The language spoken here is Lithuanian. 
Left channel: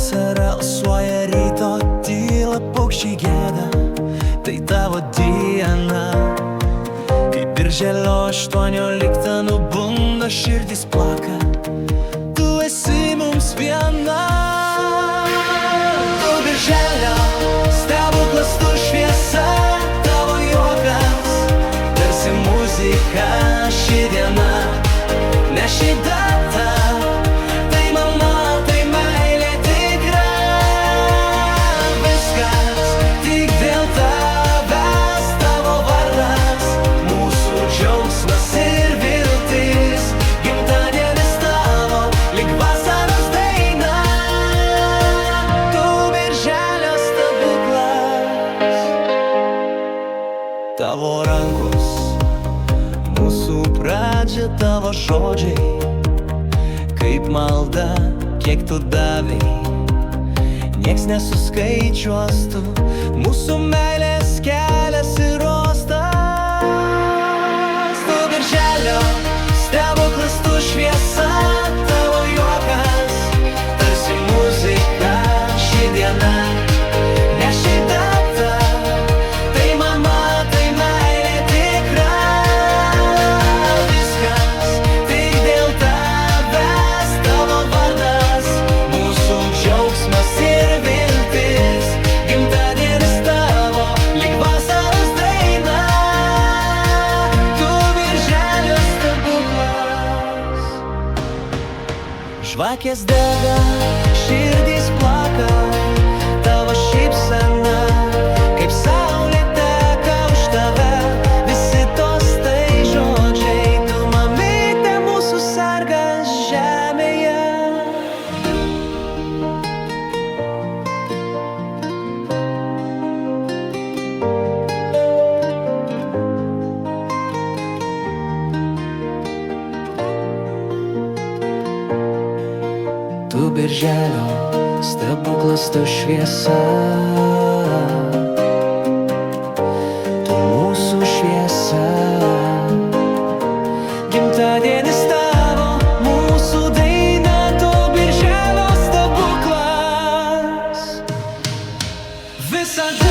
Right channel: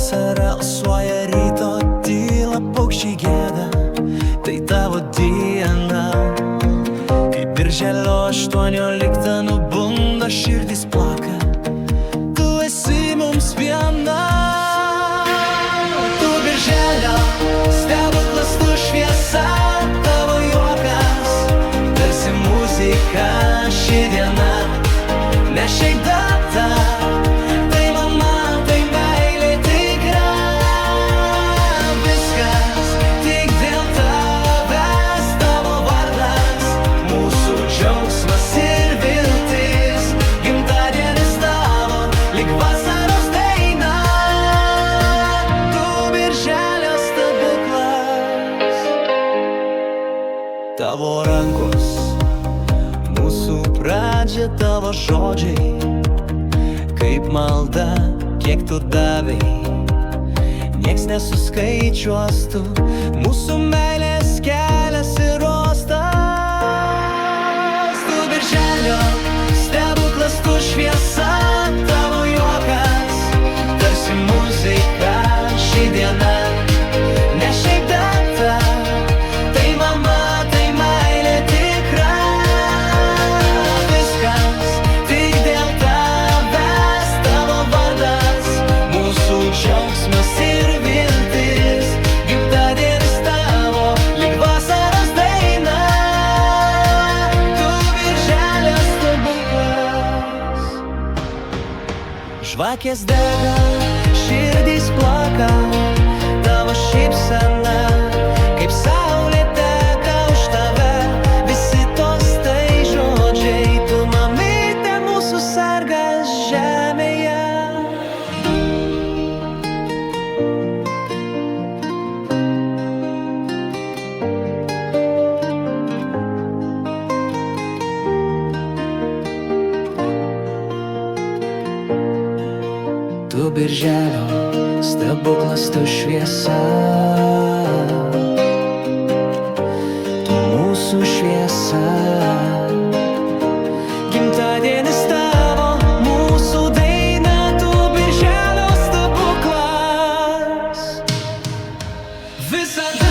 Vasara alsuoja ryto tyla, paukščiai gėda, tai tavo diena. Kai birželio 18 nubunda, širdis plaka, tu esi mums viena. Tu birželio stebuklas, tu šviesa, tavo juokas tarsi muzika. Ši diena ne šiaip data, tai mama, tai meilė tikra. Viskas tik dėl tavęs, tavo vardas, mūsų džiaugsmas ir viltis. Gimtadienis tavo, lyg vasaros daina, tu birželio stebuklas. Tavo rankos, mūsų pradžia, tavo žodžiai kaip malda, kiek tu davei, nieks nesuskaičiuos tu. Mūsų meilės kelias ir uostas. Tu birželio stebuklas, tu šviesa, tavo juokas tarsi muzika. Ši diena ne šiaip data, tai mama, tai meilė tikra. Viskas tik dėl tavęs, tavo vardas, mūsų džiaugsmas ir viltis. Gimtadienis tavo, lyg vasaros daina, tu birželio stebuklas. Žvakės dega, širdys plaka, tavo šypsena kaip saulė teka už tave. Visi tostai žodžiai, tu mamytė, mūsų sargas žemėje. Tu birželio stebuklas, tu šviesa, tu mūsų šviesa. Gimtadienis tavo, mūsų daina, tu birželio stebuklas. Visada